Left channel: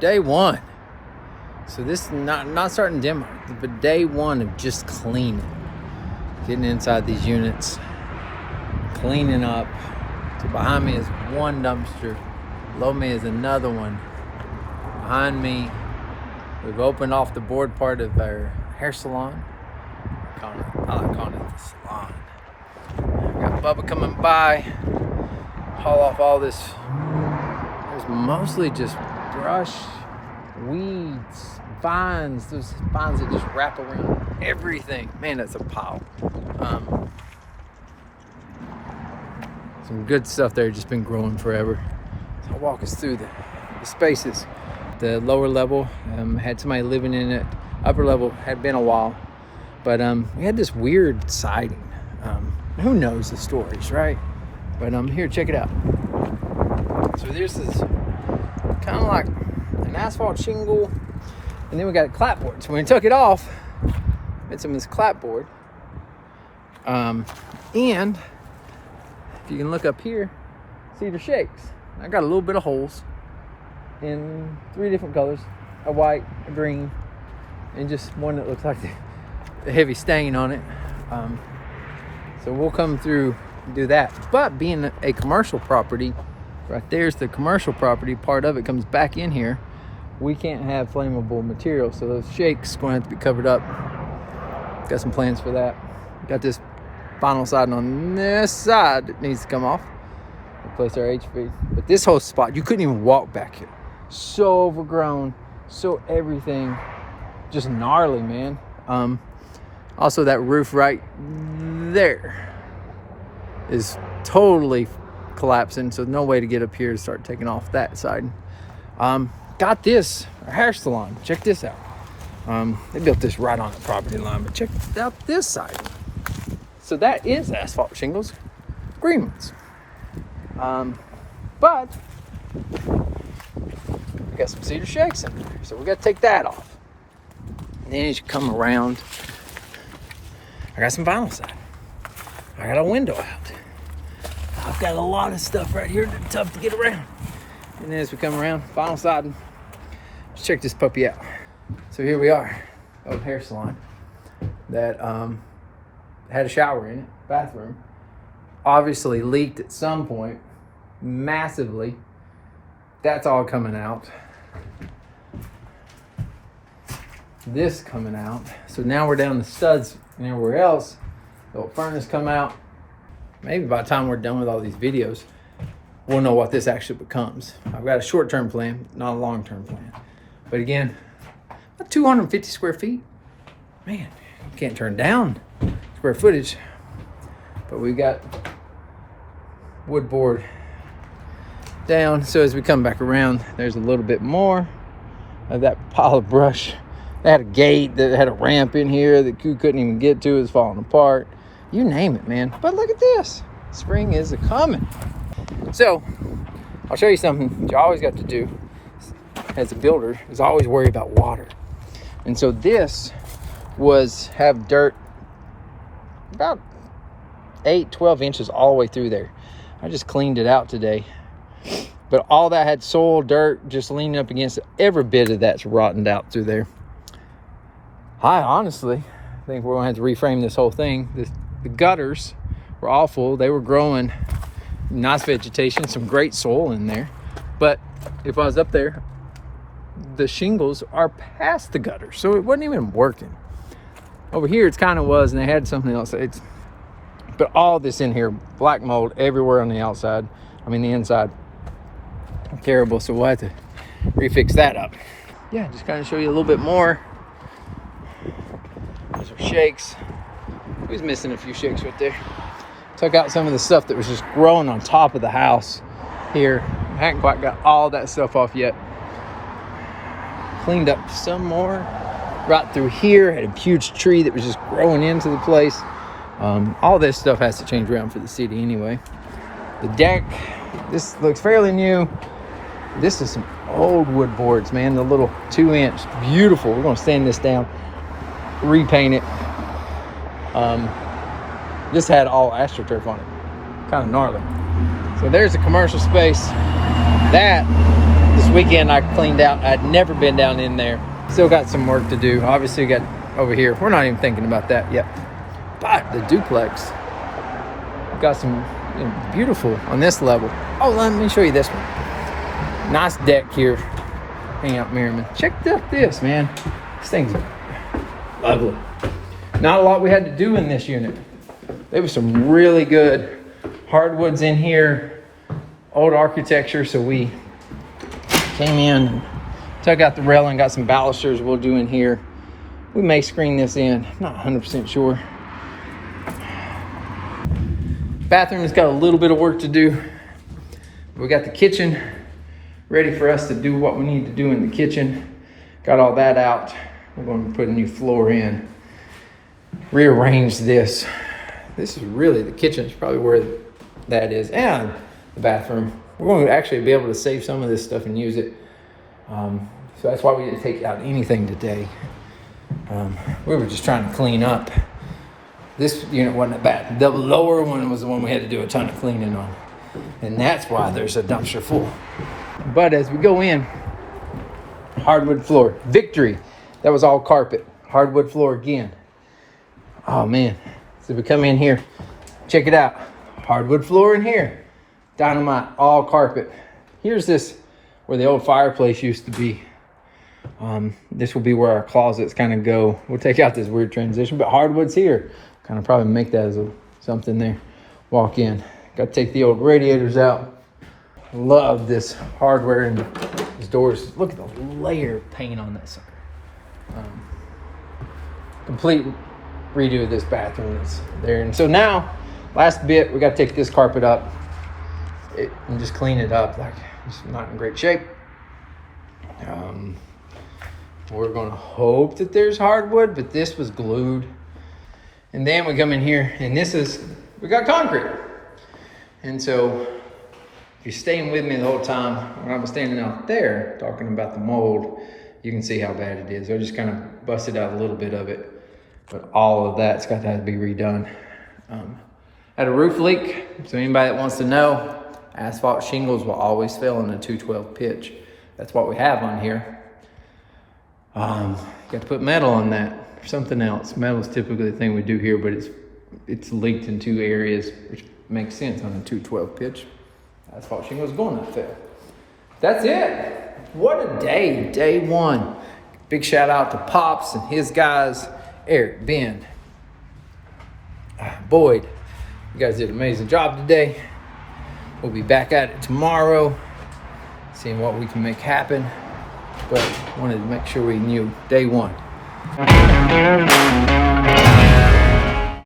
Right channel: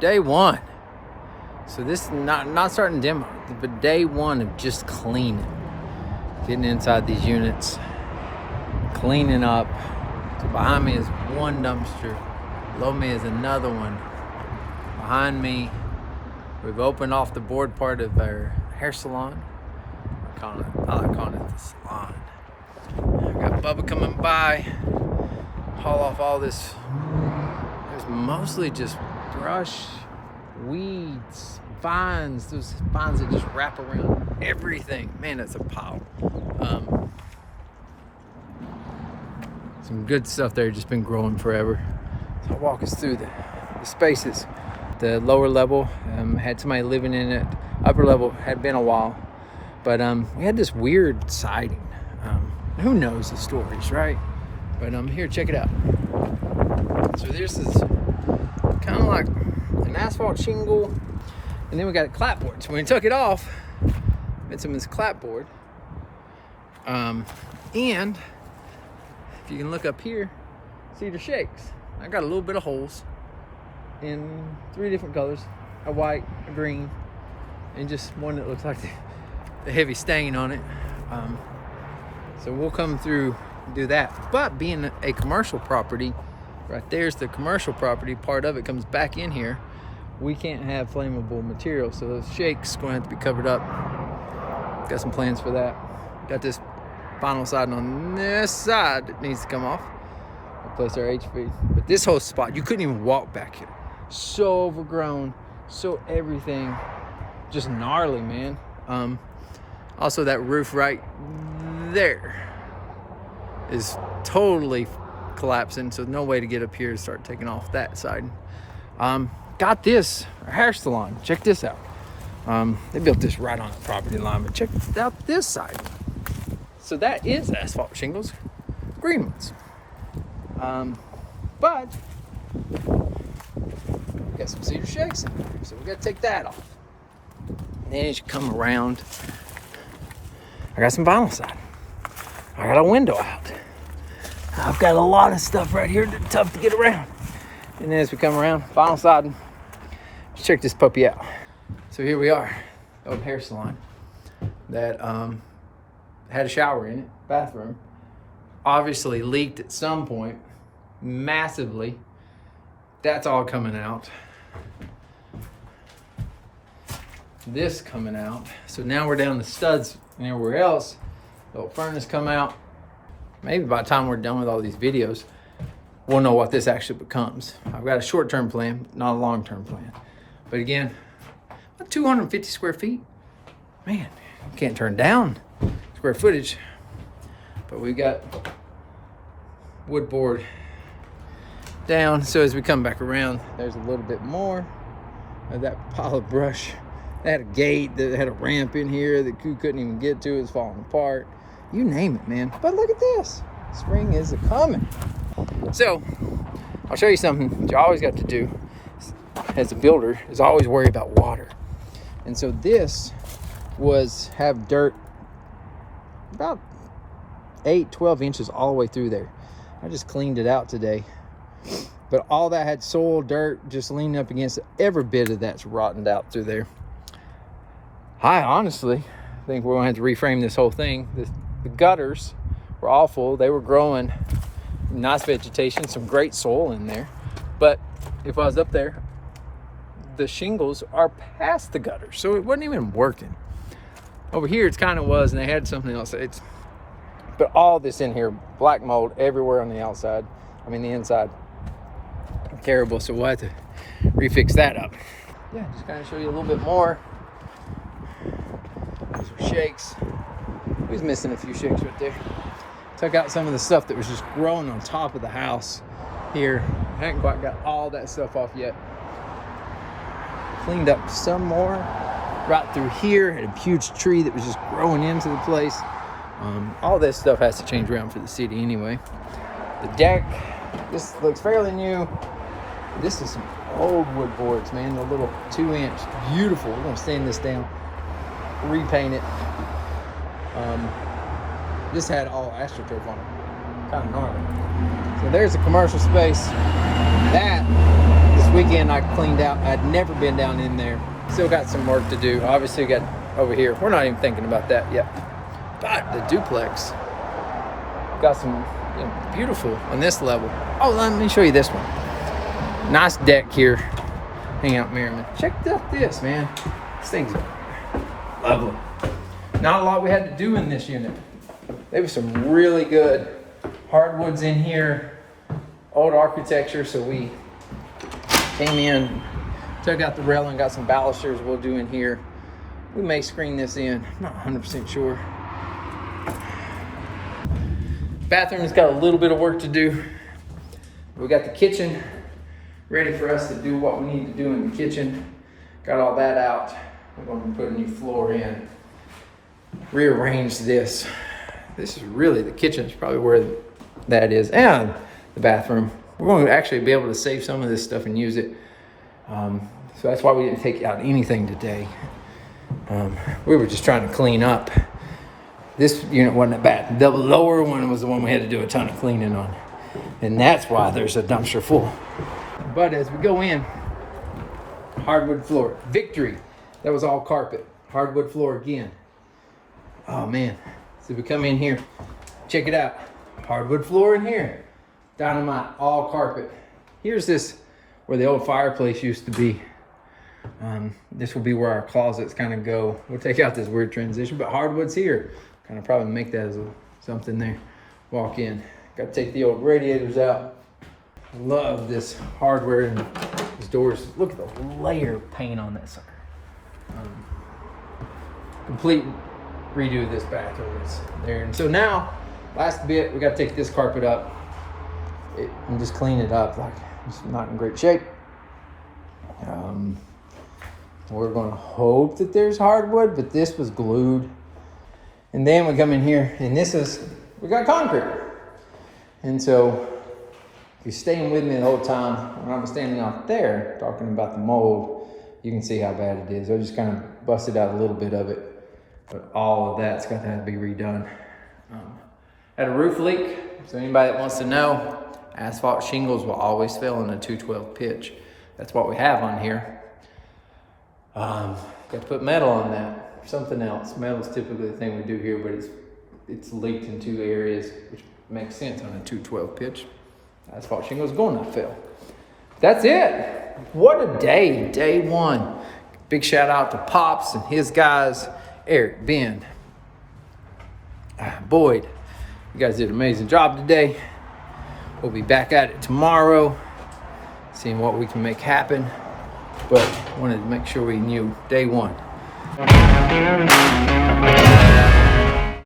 day one. So this is not starting demo, but day one of just cleaning. Getting inside these units, cleaning up. So behind me is one dumpster. Below me is another one. Behind me, we've opened off the board part of our hair salon. I like calling it the salon. Got Bubba coming by, haul off all this. There's mostly just brush, weeds, vines, those vines that just wrap around everything. Man, that's a pile. Some good stuff there, just been growing forever. So I'll walk us through the spaces. The lower level had somebody living in it. Upper level had been a while, but we had this weird siding. Who knows the stories, right? But here, check it out. So there's this kind of like an asphalt shingle, and then we got a clapboard. So when we took it off, made some of this clapboard. And if you can look up here, cedar shakes. I got a little bit of holes in 3 different colors: a white, a green, and just one that looks like the heavy stain on it. So we'll come through and do that. But being a commercial property, right there's the commercial property, part of it comes back in here. We can't have flammable material, so those shakes going to have to be covered up. Got some plans for that. Got this vinyl siding on this side that needs to come off. Replace our HV. But this whole spot, you couldn't even walk back here. So overgrown, so everything, just gnarly, man. Also, that roof right there is totally collapsing, so no way to get up here to start taking off that side. Got this, our hair salon. Check this out. They built this right on the property line, but check out this side. So that is asphalt shingles, green ones. But we got some cedar shakes in there, so we got to take that off. Then as you come around, I got some vinyl siding. I got a window out. I've got a lot of stuff right here that's tough to get around. And then as we come around, vinyl siding, let's check this puppy out. So here we are, the old hair salon that had a shower in it, bathroom. Obviously leaked at some point, massively. That's all coming out. This coming out. So now we're down to studs and everywhere else. The old furnace come out. Maybe by the time we're done with all these videos, we'll know what this actually becomes. I've got a short-term plan, not a long-term plan. But again, 250 square feet. Man, you can't turn down square footage. But we got wood board down. So as we come back around, there's a little bit more of that pile of brush. They had a gate that had a ramp in here that you couldn't even get to. It's falling apart. You name it, man. But look at this. Spring is a-coming. So I'll show you something you always got to do as a builder is always worry about water. And so this have dirt about 8-12 inches all the way through there. I just cleaned it out today. But all that had soil, dirt, just leaning up against it. Every bit of that's rotted out through there. I honestly think we're going to have to reframe this whole thing. The gutters were awful. They were growing nice vegetation, some great soil in there. But if I was up there, the shingles are past the gutters. So it wasn't even working. Over here, it kind of was, and they had something else. But all this in here, black mold everywhere on the outside. I mean, the inside. Terrible, so we'll have to refix that up. Yeah, just kind of show you a little bit more. Those are shakes. We was missing a few shakes right there. Took out some of the stuff that was just growing on top of the house here. I hadn't quite got all that stuff off yet. Cleaned up some more. Right through here, had a huge tree that was just growing into the place. All this stuff has to change around for the city anyway. The deck, this looks fairly new. This is some old wood boards, man. The little 2-inch, beautiful. We're gonna sand this down, repaint it. This had all AstroTurf on it, kind of gnarly. So there's a commercial space. That This weekend I cleaned out. I'd never been down in there. Still got some work to do. Obviously got over here. We're not even thinking about that yet. But the duplex got some beautiful on this level. Oh, let me show you this one. Nice deck here. Hang out Merriman. Check out this, man. This thing's lovely. Not a lot we had to do in this unit. There was some really good hardwoods in here. Old architecture, so we came in, took out the railing, got some balusters we'll do in here. We may screen this in, I'm not 100% sure. Bathroom has got a little bit of work to do. We got the kitchen ready for us to do what we need to do in the kitchen. Got all that out. We're going to put a new floor in. Rearrange this. This is really, the kitchen is probably where that is, and the bathroom. We're going to actually be able to save some of this stuff and use it. So that's why we didn't take out anything today. We were just trying to clean up. This unit wasn't that bad. The lower one was the one we had to do a ton of cleaning on. And that's why there's a dumpster full. But as we go in, hardwood floor. Victory. That was all carpet. Hardwood floor again. Oh man. So we come in here. Check it out. Hardwood floor in here. Dynamite. All carpet. Here's this where the old fireplace used to be. This will be where our closets kind of go. We'll take out this weird transition, but hardwood's here. Kind of probably make that as something there. Walk in. Got to take the old radiators out. Love this hardware and these doors. Look at the layer of paint on that sucker. Complete redo of this bathroom is there. And so now, last bit, we got to take this carpet up and just clean it up. Like it's not in great shape. We're going to hope that there's hardwood, but this was glued. And then we come in here, and we got concrete. And so, if you're staying with me the whole time, when I was standing out there talking about the mold, you can see how bad it is. I just kind of busted out a little bit of it, but all of that's got to have to be redone. Had a roof leak, so anybody that wants to know, asphalt shingles will always fail in a 212 pitch. That's what we have on here. Got to put metal on that, or something else. Metal is typically the thing we do here, but it's leaked in two areas, which makes sense on a 212 pitch. Asphalt shingles going to fail. That's it. What a day, day one. Big shout out to Pops and his guys, Eric, Ben, Boyd. You guys did an amazing job today. We'll be back at it tomorrow, seeing what we can make happen. But wanted to make sure we knew day one.